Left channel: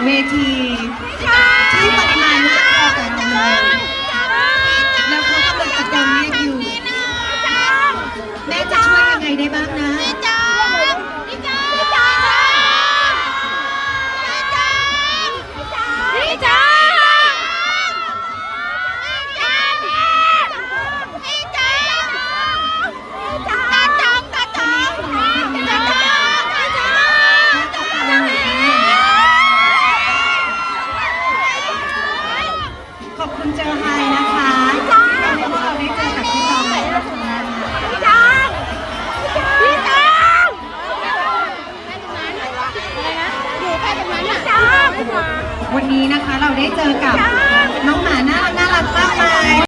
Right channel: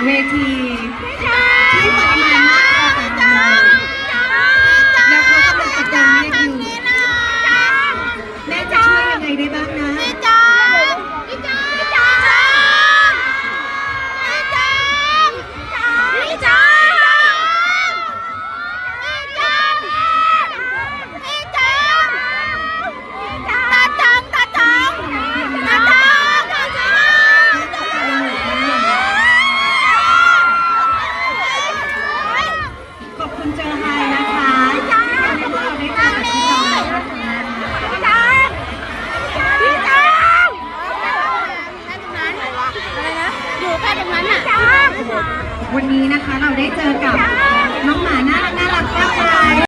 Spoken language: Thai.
ทีที่ปริมาณมากพอกันเลยแล้วเขากำลังตะโกนเรียกอยู่แม่จะช่วยยังไงได้บ้างนะ ขอบคุณเจอไฮนะคะวันนี้พวกเราได้เจอกับพี่น้องแล้วนะคะวันนี้นะคะเราได้เจอกับ